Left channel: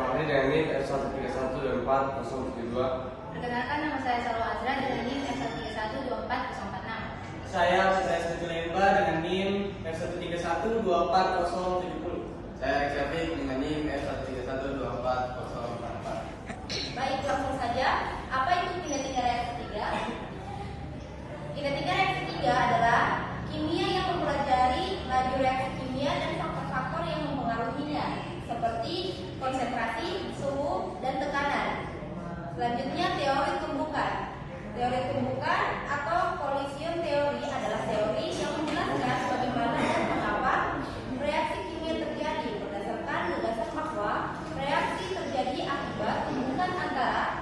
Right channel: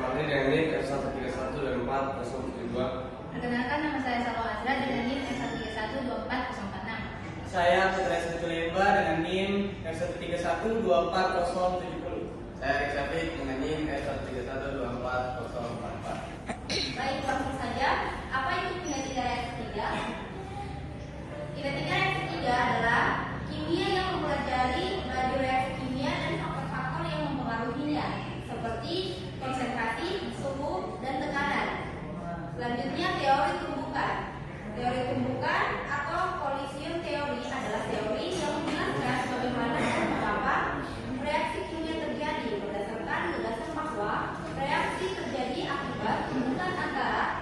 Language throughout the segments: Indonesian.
Fahri dengan NIM F131 dan 4072. Perkenalkan, nama saya Salwa Azra dengan NIM F131 Saya Putra Sukulemba dengan NIM F131 Saya Syafiq dengan NIM F131 Baik, langsung saja. Apa itu kinetika reaksi 3? Kinetika reaksi 3 adalah kimia yang mempelajari laju reaksi kimia dan faktor-faktor yang mempengaruhinya, seperti konsentrasi, suhu, dan tekanan. Selanjutnya, teori tumbukan. Teori tumbukan atau Collision teori adalah teori yang menjelaskan bagaimana dan mengapa reaksi kimia terjadi berdasarkan gagasan bahwa reaksi terjadi akibat tumbukan antara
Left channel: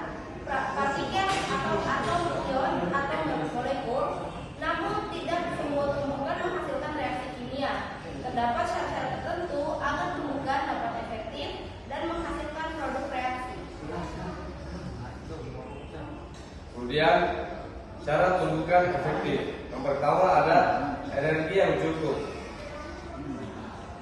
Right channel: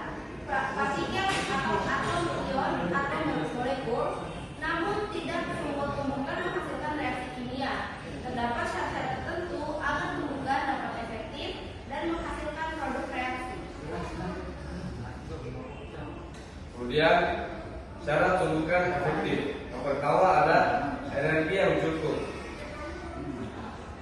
partikel atau atom ion atau molekul, namun tidak semua tumbukan menghasilkan reaksi kimia. Terdapat syarat tertentu agar tumbukan dapat efektif dan menghasilkan produk reaksi. Kemudian syarat tumbukan efektif. Yang pertama ada energi yang cukup.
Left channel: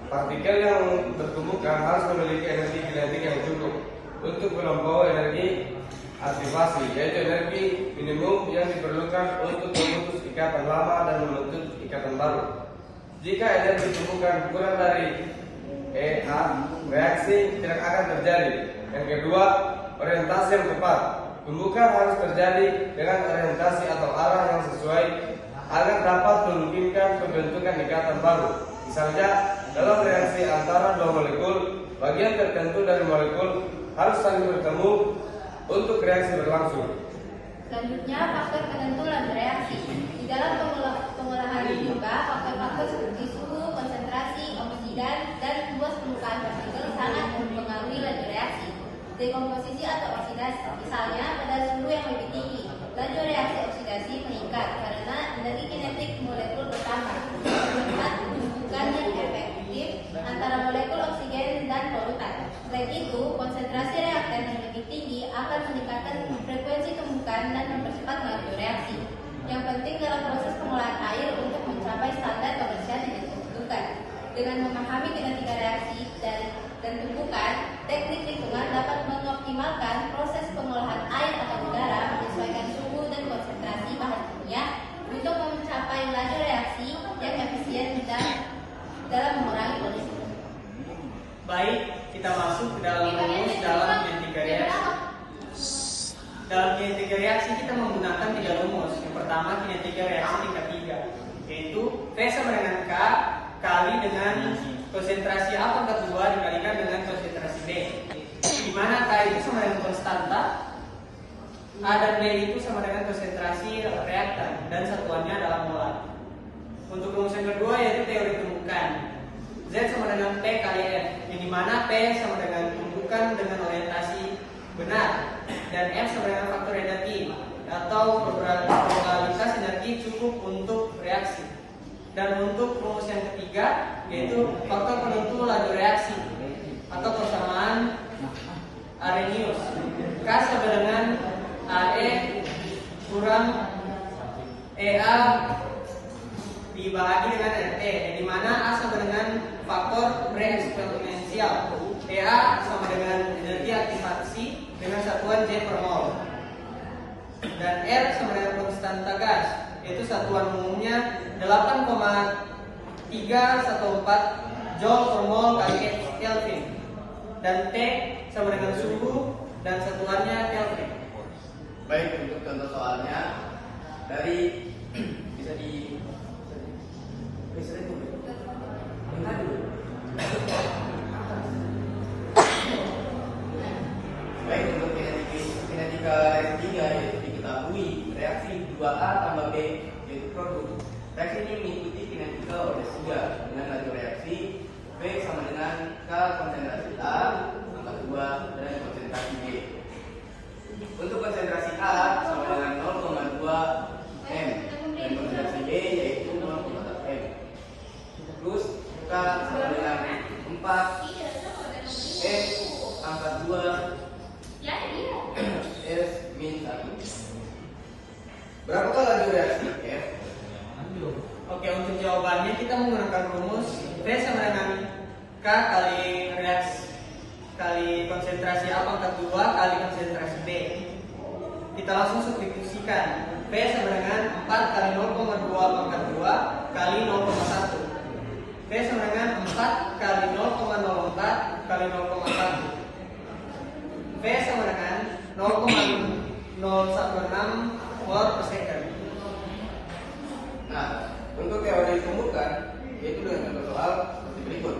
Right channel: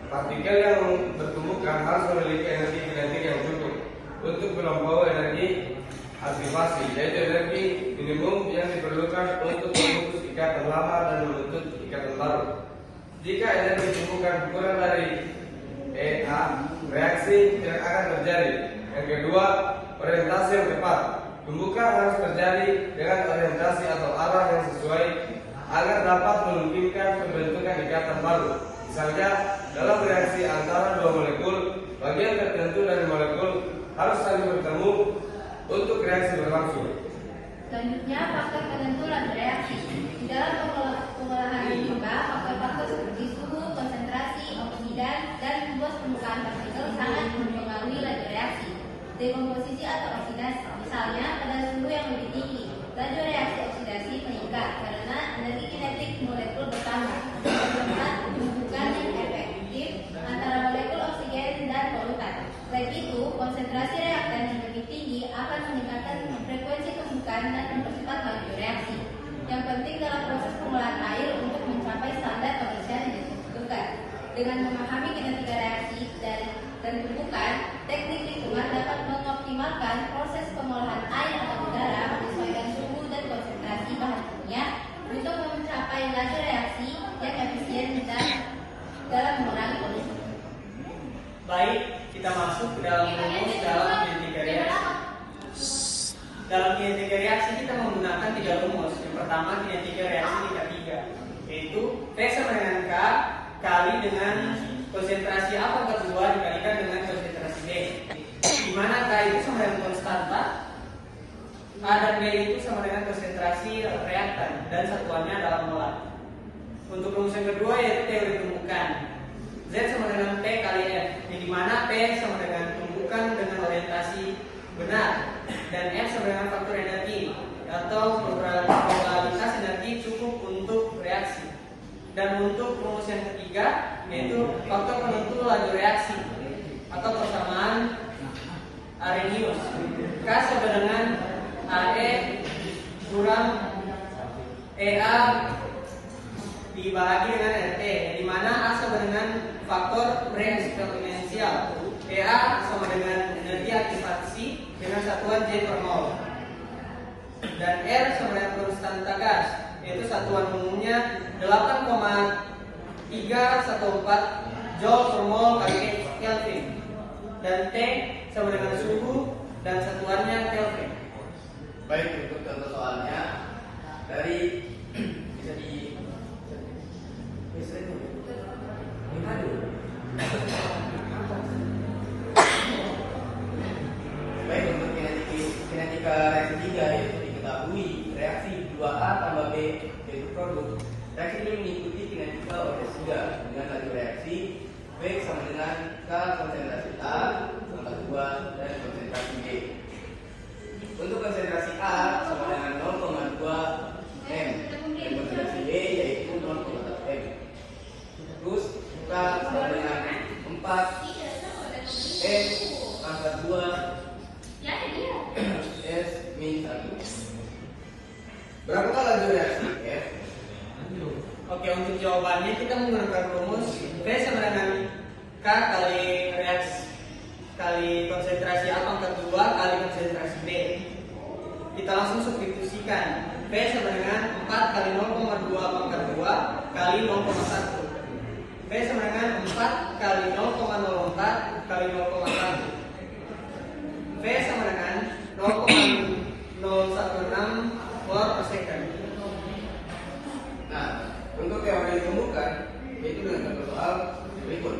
Partikel yang bertumbukan harus memiliki energi kinetik yang cukup untuk melampaui energi aktivasi, yaitu energi minimum yang diperlukan untuk memutus ikatan lama dan membentuk ikatan baru. Jika energi tumbukan kurang dari EA, reaksi tidak akan terjadi. Yang kedua, orientasi yang tepat. Tumbukan harus terjadi dengan orientasi atau arah yang sesuai agar dapat memungkinkan pembentukan ikatan baru. Misalnya, dalam reaksi antara dua molekul, bagian tertentu dari molekul harus saling bertemu untuk reaksi berlangsung. Selanjutnya, faktor penentu laju reaksi. Di dalam pengolahan limbah, faktor-faktor seperti suhu, konsentrasi, oksidan, dan luas permukaan partikel sangat mempengaruhi laju reaksi. Dekomposisi atau oksidasi, misalnya pada suhu yang lebih tinggi, laju reaksi oksidasi meningkat karena energi kinetik molekul bertambah. Membuat tumbukan yang efektif antara molekul oksigen dan polutan. Selain itu, konsentrasi reaktan yang lebih tinggi akan meningkatkan frekuensi tumbukan dan mempercepat laju reaksi. Yang penting dalam proses pengolahan air untuk mencapai standar komersial yang ditentukan. Dengan memahami kinetika reaksi dan tumbukan, teknik lingkungan dapat mengoptimalkan proses pengolahan air atau udara menyesuaikan suhu dan konsentrasi bahan kimia untuk mencapai laju reaksi yang efisien dan dalam mengurangi polusi. Baik, kita masuk ke dalam rumus dalam kinetika reaksi. Dalam kinetika reaksi kita menggunakan 3 rumus. Yang pertama, kinetika reaksi tingkat 3, yaitu V sama dengan K kali dengan konsentrasi A pangkat 2 dikalikan dengan konsentrasi B, di mana K itu sama dengan konstanta, A dan B itu sama dengan konsentrasi reaktan dan satuannya adalah molar. Untuk rumus yang kedua yaitu teori tumbukan. Z sama dengan P kali F, yang dimana P sama dengan tumbukan dengan orientasi benar dan F sama dengan faktor energi atau probabilitas energi cukup untuk reaksi. Dan untuk rumus yang ketiga yaitu faktor penentu laju reaksi atau persamaan Arrhenius. K sama dengan AE kurang EA dibagi dengan RT, di mana A sama dengan faktor bereksponensial, EA sama dengan energi aktivasi dengan satuan J per mol, dan R sama dengan konstanta gas, yaitu satuan umumnya 8,314 Joule per mol kali Kelvin, dan T sama dengan suhu dan satuannya Kelvin. Baik, untuk contoh soalnya dari bisa Baik, untuk kinetika reaksi 3 yaitu diketahui reaksi 2A tambah B yaitu produk. Reaksi ini mengikuti kinetika order 3 dengan laju reaksi B sama dengan K konsentrasi A tambah 2 dan konsentrasi B. Untuk konsentrasi A sama dengan 0,2 M dan konsentrasi B yaitu 0,1 M. Terus K sama dengan 4 M pangkat 2 S min 1. Berapa laju reaksi F? Oke, untuk jawabannya kita menggunakan rumus V sama dengan K kali reaksi kali konsentrasi A pangkat 2 kali konsentrasi B. Kita langsung substitusikan. V sama dengan 4 kali 0,2 pangkat 2 kali 0,1. V sama dengan 4 kali 0,04 kali 0,1. V sama dengan 0,016 mol per second. Nah, untuk teori ditemukan yaitu dengan contoh soal seperti berikut.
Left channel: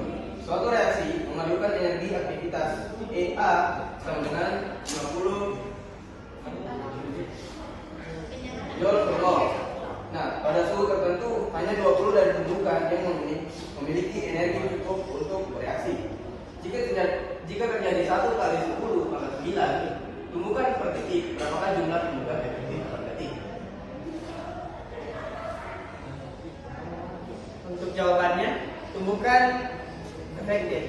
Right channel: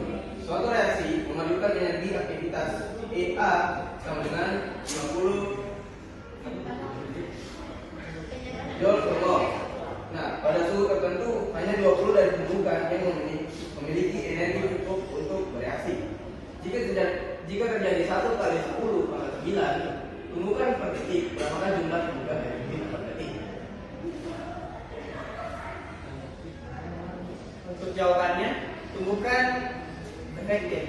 Suatu reaksi mengandungkan energi aktivitas EA sama dengan 50 joule per mol. Nah, pada suhu tertentu hanya 20 dari ditemukan yang memiliki energi cukup untuk bereaksi. Jika terjadi 1 kali 10 pada 9, temukan per detik berapakah jumlah temukan energi per detik. Untuk jawabannya, tumbukan efektif.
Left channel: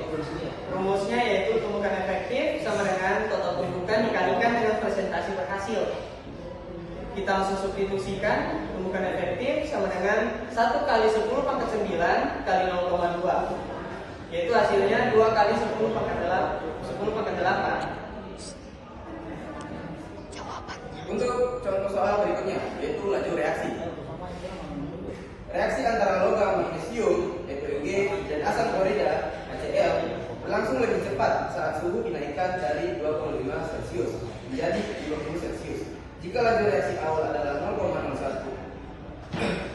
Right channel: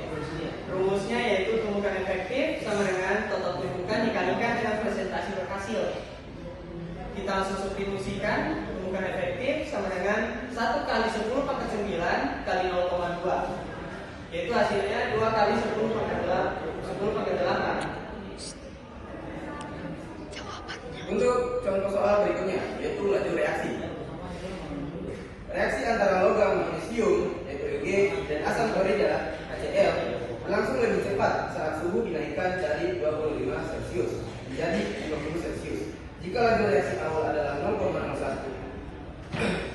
Rumusnya yaitu tumbukan efektif sama dengan total tumbukan dikalikan dengan presentasi berhasil. Kita langsung substitusikan. Tumbukan efektif sama dengan 1 kali 10 pangkat 9 kali 0,2, yaitu hasilnya 2 kali 10 pangkat 8. Untuk contoh soal berikutnya yaitu laju reaksi. Reaksi antara logam magnesium yaitu Ag dan asam klorida HCl berlangsung lebih cepat saat suhu dinaikkan dari 25 Celcius menjadi 30 Celcius. Jika laju reaksi awal adalah 0,01